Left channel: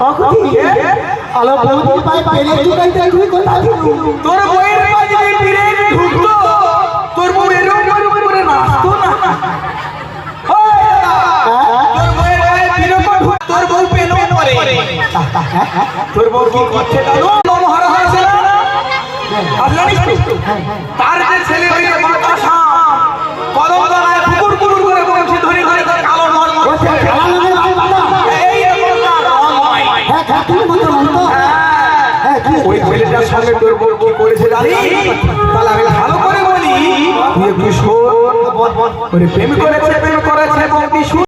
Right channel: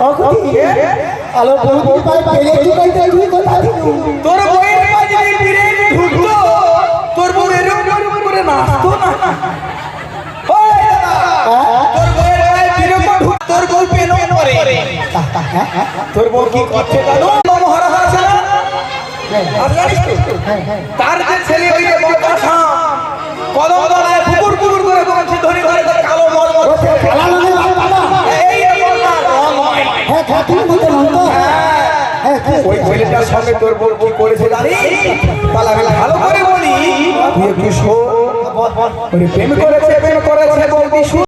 আলো বৌদি পাই পেলে কি পাইতে তুই কথা দিলু তোর বইয়ের মাঝে ফিরে ঢুকতো তোর বউ এরকম করে নাচতো না ওই তোর বইয়ের গায়ে ফিরে ঢুক তোর বউ পেলো করে তোর বউ কি করছে জানো মহারাজ আছে না তার যে ছেলে হইলে বাতাসা কদম দাঁড়ায় কুকুর কুকুর করে বলছে ধরে ধরে তার কালো নল কালা লাগে এই রকম না রং হয় হ্যাঁ খাতি মতো মতো ওই ছেলেটার সঙ্গে তোর বউ কি করেছে জানি তাহলে আমি ভালো করে বলি তুই একটু শোন প্রেম করেছে বলবি